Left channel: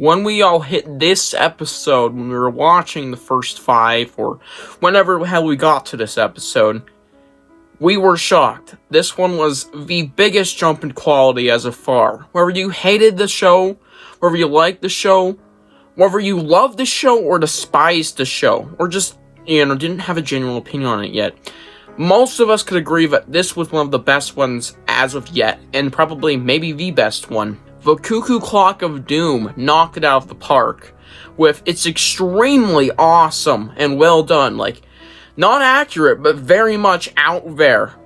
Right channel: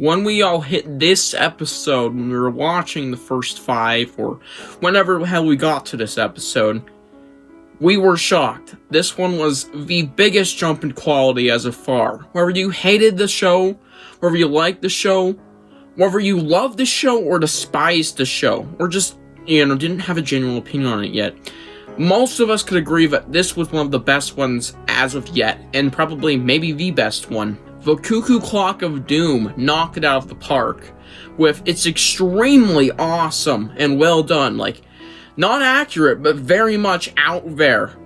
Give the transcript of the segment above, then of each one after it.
when we all hit this episode, when we were watching the first 5, or whenever the hell we got to this episode, we were shocked. This one was the biggest jump in quality as of far. Whether you hated the show, whether you liked the show, whether you loved the show or despised the show, or just, didn't have a genuine opinion on it yet, most of us could agree that this was one of the best ones as of yet, and probably maybe the best one. The Cuckoo Clock of Doom knocked it out of the park with its extremely awesome and well done, not accurate, but very much out there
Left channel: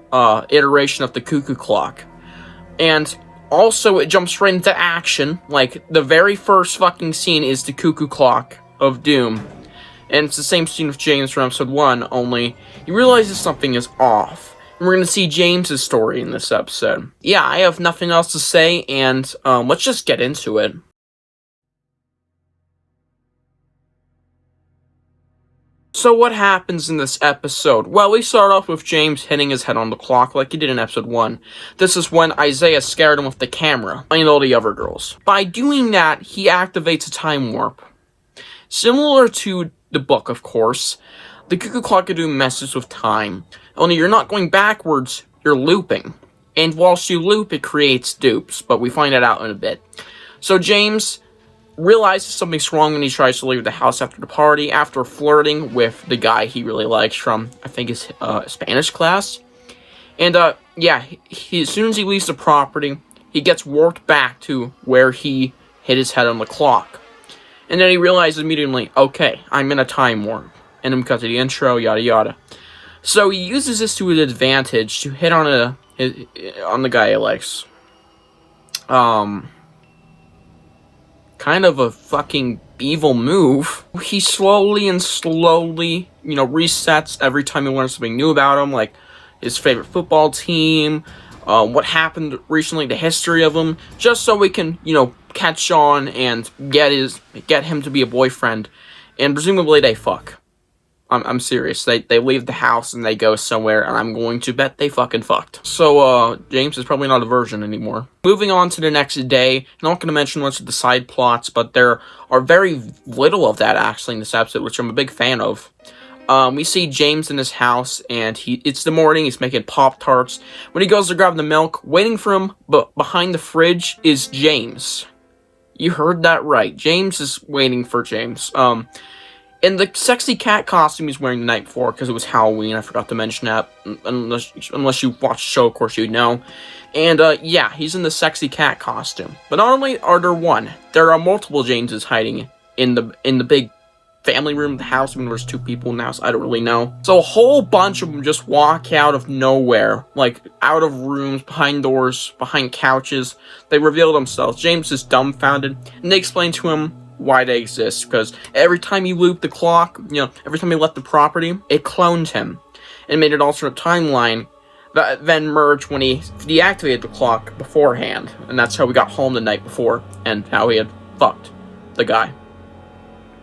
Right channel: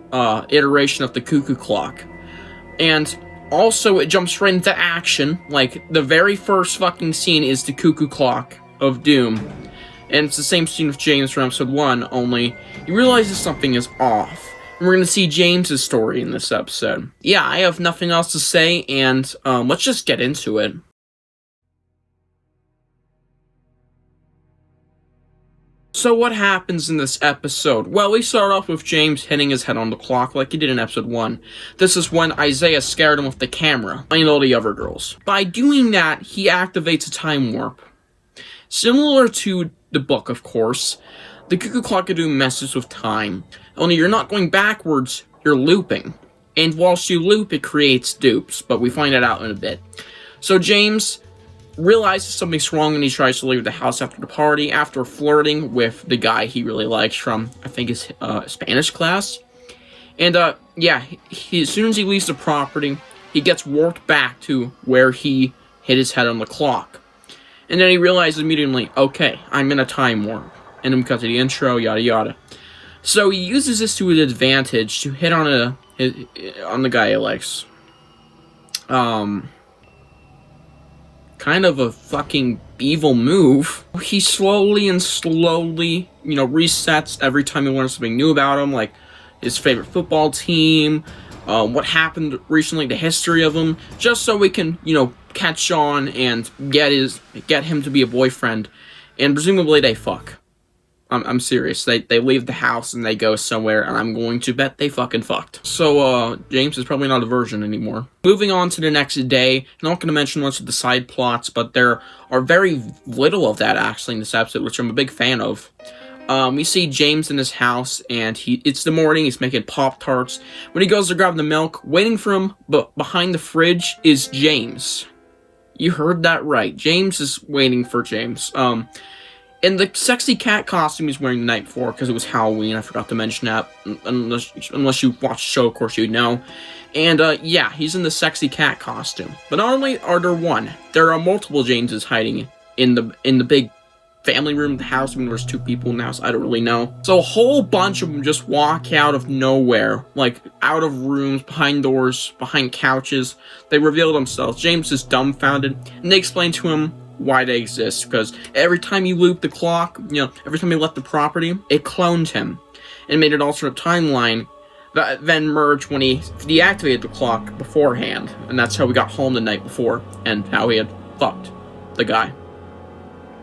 iteration of the Cuckoo Clock. And also, it jumps right into action. The very first fucking scene is the Cuckoo Clock of Doom. And it's the same scene with James from episode 1, only he realizes something is off. And we're going to see James's story in this episode. Yeah, I have nothing else to say, and let's just get into it. So what happens in this episode? Well, we start off with James hitting his head on the clock like he did in episode 1. This is when Isaiah scared him with the camera, and all the other girls. By doing that, he activates a time warp. Similar to the book, of course, the Cuckoo Clock of Doom messes with time. Only you're not going backwards, you're looping. And whilst you loop, it creates dupes, but we find that out in a bit. So James realizes something's wrong when he tries to leave the house after the party, after flirting with the guy he really likes from, I think, his Spanish class. And, as soon as he leaves the property, he gets warped back to where he hit his head on the clock. And then he realizes immediately, okay, I'm in a time warp. And then we cut to the intro, yada yada. So he uses this to his advantage to hit on the guy he likes. Kind of a fucking evil move. He slowly, resets every time he learns something new about him, like his favorite football team, what happened recently, the history of him, just so we can, catch on and get him to be a boyfriend, and presumably they fuck. I'm serious. They leave the house and they go somewhere, and I'm going to bet they fucking fucked. So, James is probably not a virgin anymore. Moving on to the next day, I'm not going to mention much of the side plots, but there are very little of that, actually, in this episode, which I'm a big fan of. We see James in his house, and it's the morning, he's making Pop-Tarts. When he goes to grab the milk, waiting for him, but behind the fridge is James. You heard that right. James is waiting for James. And the sexy cat costume he's wearing the night before, because it was Halloween, I forgot to mention that. Unless you watched the show, of course you'd know. And, he's in the sexy cat costume. But not only are there one, there are multiple Jameses hiding in the big family room of the house. I mean, there's 2 people in the house, I don't really know. So a whole bunch of them just walk out of nowhere, out of rooms, behind doors, behind couches. They reveal themselves. James is dumbfounded, and they explain to him why they exist, because every time you loop the clock, every time you left the property, it cloned him, and made an alternate timeline that then merged when he deactivated the clock beforehand, and that's how we got home the night before, and how he had fucked the guy.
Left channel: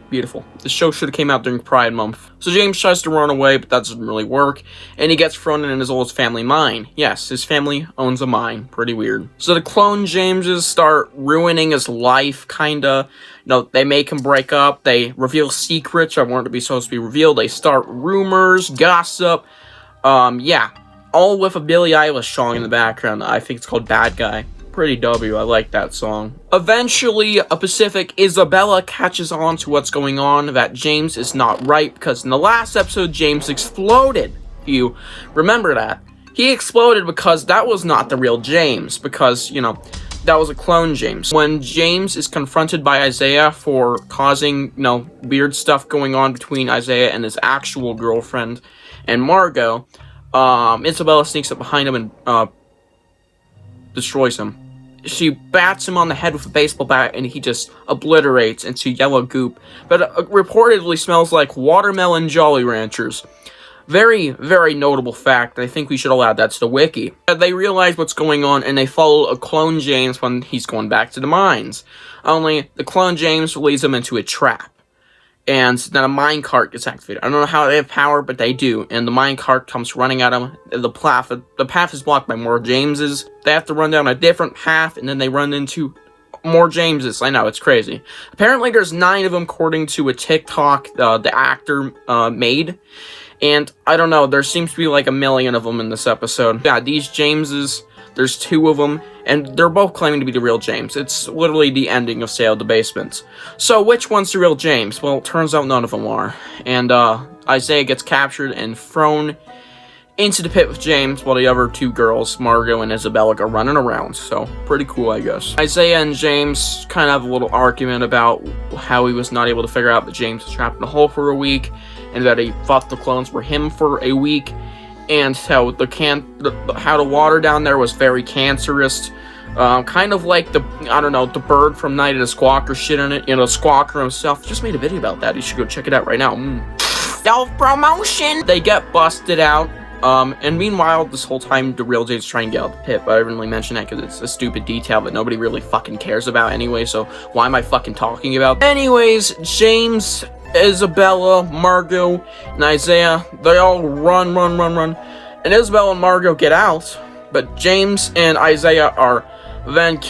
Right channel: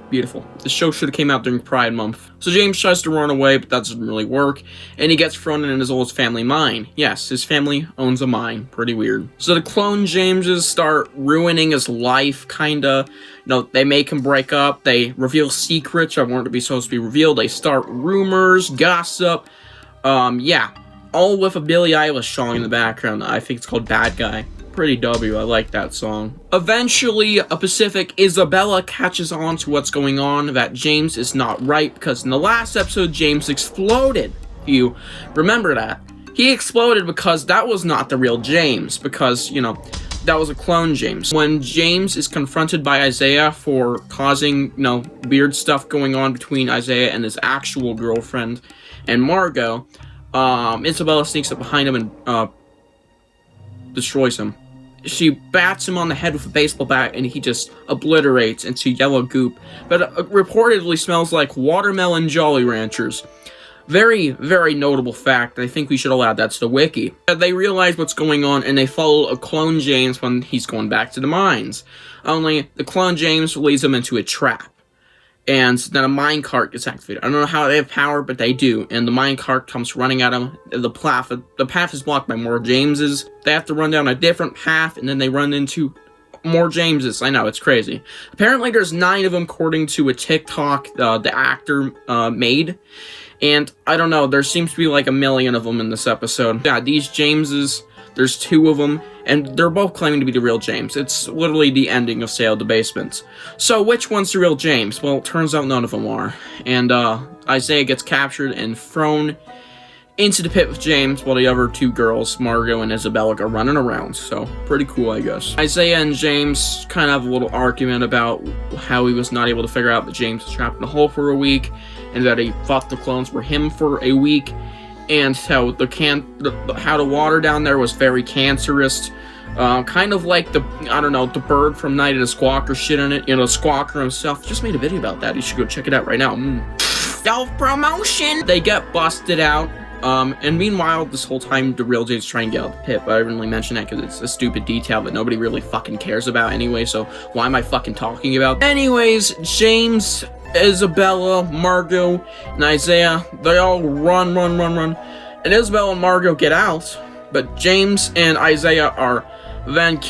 Beautiful. The show should have came out during Pride Month. So James tries to run away, but that doesn't really work, and he gets thrown in his old family mine. Yes, his family owns a mine. Pretty weird. So the clone Jameses start ruining his life, kinda. They make him break up, they reveal secrets that weren't supposed to be revealed, they start rumors, gossip, all with a Billie Eilish song in the background. I think it's called Bad Guy. Pretty W, I like that song. Eventually, a Pacific Isabella catches on to what's going on, that James is not right, because in the last episode, James exploded. You remember that. He exploded because that was not the real James, because, that was a clone James. When James is confronted by Isaiah for causing, weird stuff going on between Isaiah and his actual girlfriend and Margot, Isabella sneaks up behind him and, destroys him. She bats him on the head with a baseball bat, and he just obliterates into yellow goop that reportedly smells like watermelon Jolly Ranchers. Very, very notable fact. I think we should all add that to the wiki. They realize what's going on, and they follow a clone James when he's going back to the mines. Only, the clone James leads them into a trap. And then a minecart gets activated. I don't know how they have power, but they do. And the minecart comes running at them. The path is blocked by more Jameses. They have to run down a different path, and then they run into more Jameses. I know, it's crazy. Apparently, there's 9 of them, according to a TikTok the actor made. And, I don't know, there seems to be like a million of them in this episode. Yeah, these Jameses, there's 2 of them, and they're both claiming to be the real James. It's literally the ending of Sail the Basement. So, which one's the real James? Well, it turns out none of them are. And, Isaiah gets captured and thrown into the pit with James, while the other 2 girls, Margot and Isabella, are running around. So, pretty cool, I guess. Isaiah and James kind of have a little argument about how he was not able to figure out that James was trapped in a hole for a week, and that he thought the clones were him for a week, and how how the water down there was very cancerous. Kind of like the bird from Night of the Squawker shit in it. You know, Squawker himself just made a video about that. You should go check it out right now. Self-promotion! They get busted out. And meanwhile, this whole time, the real James is trying to get out of the pit, but I didn't really mention that because it's a stupid detail that nobody really fucking cares about anyway, so why am I fucking talking about? Anyways, James, Isabella, Margot, and Isaiah, they all run, and Isabella and Margot get out, but James and Isaiah are then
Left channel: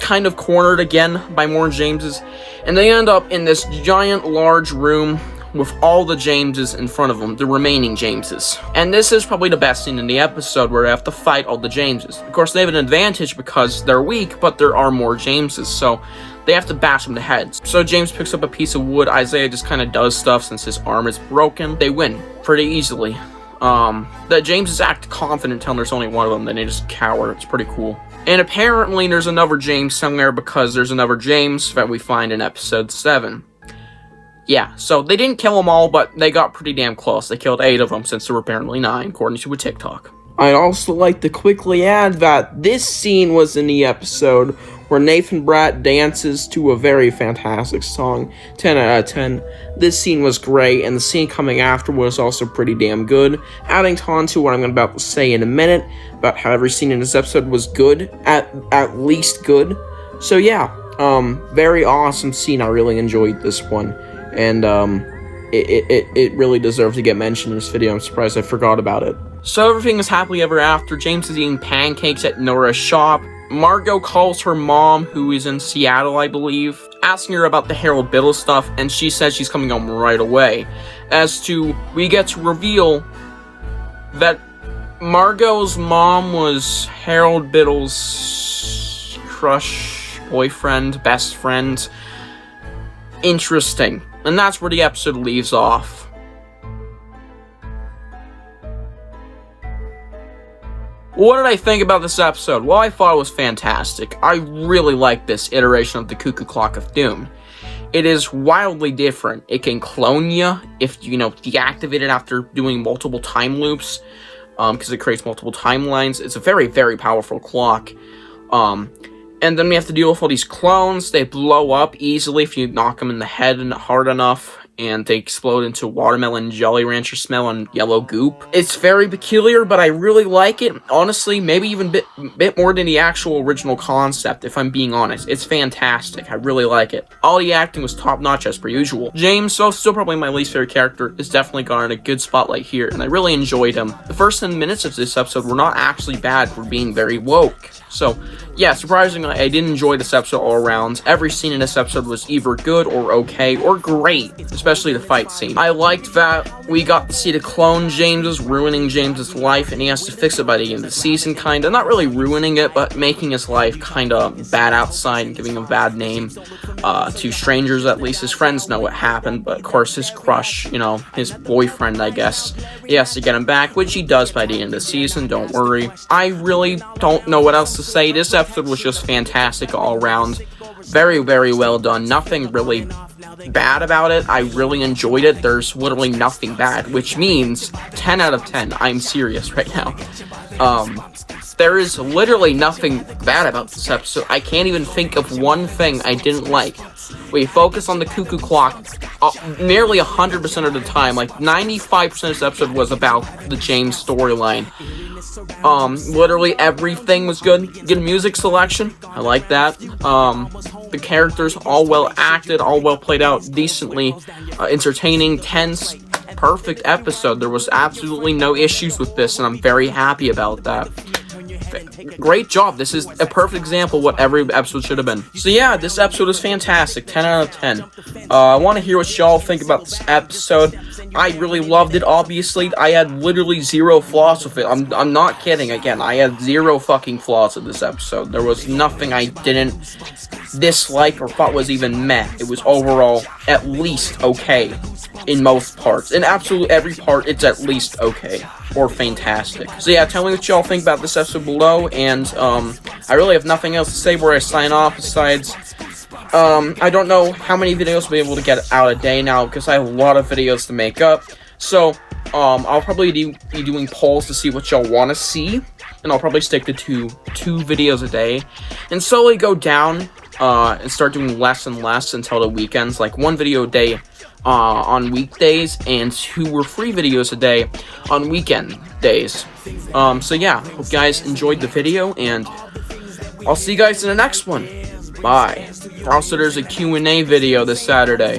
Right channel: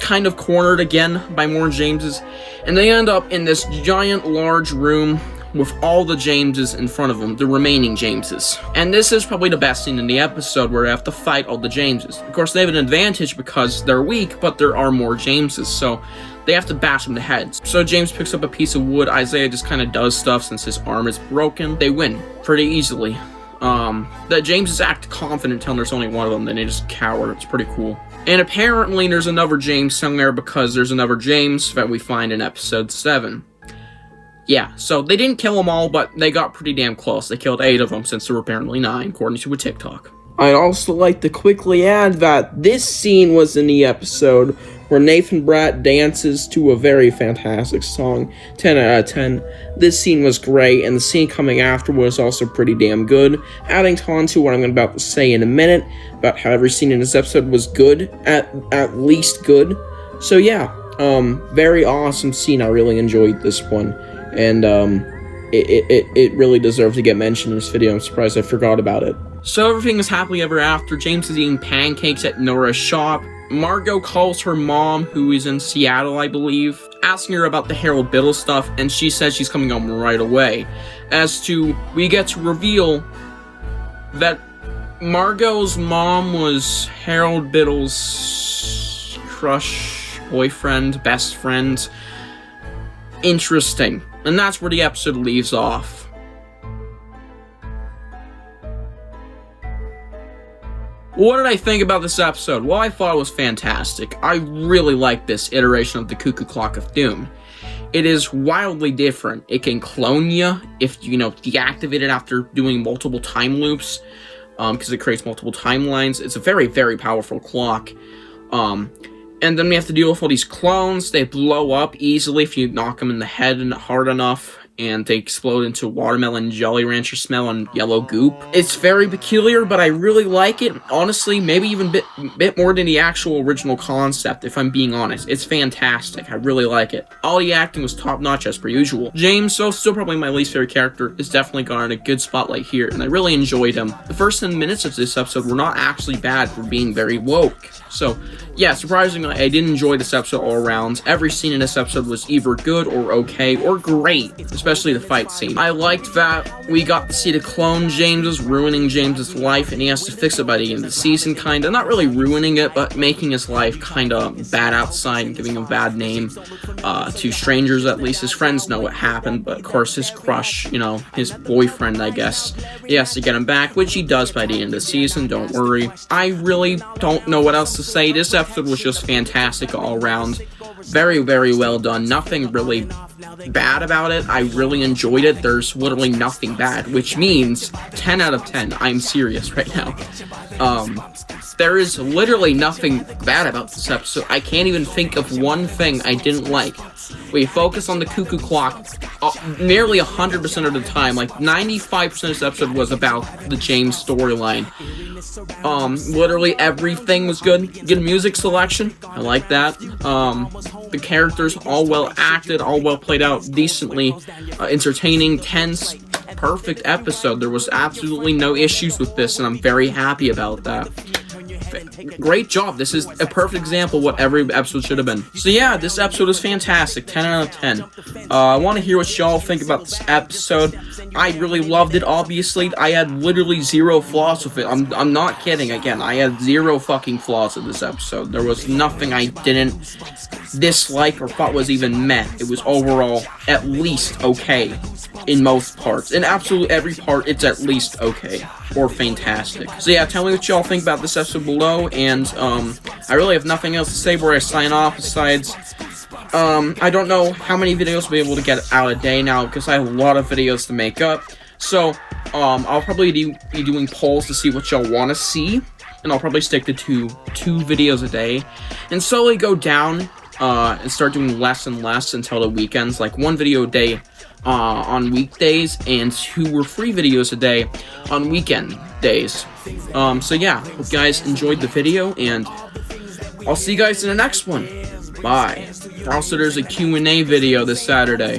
kind of cornered again by more Jameses, and they end up in this giant, large room with all the Jameses in front of them, the remaining Jameses. And this is probably the best scene in the episode, where they have to fight all the Jameses. Of course, they have an advantage because they're weak, but there are more Jameses, so they have to bash them to heads. So James picks up a piece of wood. Isaiah just kind of does stuff since his arm is broken. They win pretty easily. The Jameses act confident until there's only one of them, then they just cower. It's pretty cool. And apparently there's another James somewhere, because there's another James that we find in episode 7. Yeah, so they didn't kill them all, but they got pretty damn close. They killed 8 of them, since there were apparently 9, according to a TikTok. I'd also like to quickly add that this scene was in the episode where Nathan Bratt dances to a very fantastic song. 10 out of 10. This scene was great, and the scene coming after was also pretty damn good. Adding on to what I'm about to say in a minute, about how every scene in this episode was good, at least good. So yeah, very awesome scene. I really enjoyed this one. And, it really deserves to get mentioned in this video. I'm surprised I forgot about it. So everything is happily ever after. James is eating pancakes at Nora's shop. Margot calls her mom, who is in Seattle, I believe, asking her about the Harold Biddle stuff, and she says she's coming home right away. We get to reveal that Margot's mom was Harold Biddle's crush, boyfriend, best friend. Interesting. And that's where the episode leaves off. What did I think about this episode? Well, I thought it was fantastic. I really like this iteration of the Cuckoo Clock of Doom. It is wildly different. It can clone you if, deactivate it after doing multiple time loops, because it creates multiple timelines. It's a very, very powerful clock. And then we have to deal with all these clones. They blow up easily if you knock them in the head and hard enough, and they explode into watermelon Jolly Rancher smell and yellow goop. It's very peculiar, but I really like it. Honestly, maybe even bit more than the actual original concept, if I'm being honest. It's fantastic. I really like it. All the acting was top-notch as per usual. James, so still probably my least favorite character, is definitely gotten a good spotlight here, and I really enjoyed him. The first 10 minutes of this episode were not actually bad for being very woke. So, yeah, surprisingly, I did enjoy this episode all around. Every scene in this episode was either good or okay or great, especially the fight scene. I liked that we got to see the clone James's ruining James's life, and he has to fix it by the end of the season, kinda. Not really ruining it, but making his life kinda bad outside and giving him a bad name to strangers, at least. His friends know what happened, but of course his crush, his boyfriend, I guess, he has to get him back, which he does by the end of the season, don't worry. I really don't know what else to say. This episode was just fantastic all around. Very, very well done. Nothing really bad about it. I really enjoyed it. There's literally nothing bad, which means 10 out of 10. I'm serious right now. There is literally nothing bad about this episode. I can't even think of one thing I didn't like. We focus on the Cuckoo Clock nearly 100% of the time. Like 95% of this episode was about the James storyline. Literally everything was good. Good music selection. I like that. The characters all well acted, all well played out, decently entertaining, tense, perfect episode. There was absolutely no issues with this, and I'm very happy about that. great job. This is a perfect example of what every episode should have been. So yeah, this episode is fantastic. 10 out of 10. I want to hear what y'all think about this episode. I really loved it, obviously. I had literally zero flaws with it. I'm not kidding. Again, I had zero fucking flaws with this episode. There was nothing I didn't dislike or thought was even meh. It was overall at least okay in most parts. In absolutely every part, it's at least okay or fantastic. So yeah, tell me what y'all think about this episode below, and I really have nothing else to say before I sign off besides I don't know how many videos I'll be able to get out a day now because I have a lot of videos to make up. So I'll probably be doing polls to see what y'all want to see, and I'll probably stick to two videos a day and slowly go down and start doing less and less until the weekends, like 1 video a day on weekdays and 2 or 3 videos a day on weekend days. So yeah, hope you guys enjoyed the video, and I'll see you guys in the next one. Bye. Also, there's a Q&A video this Saturday.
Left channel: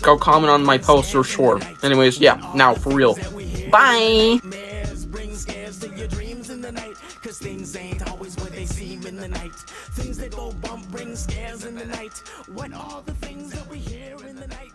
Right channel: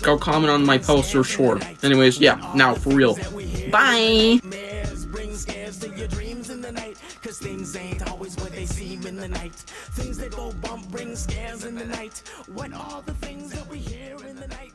Go comment on my post or short. Anyways, yeah, now for real. Bye. Cause things ain't always what they seem in the night. Things that go bump bring scares in the night. What are the things that we hear in the night?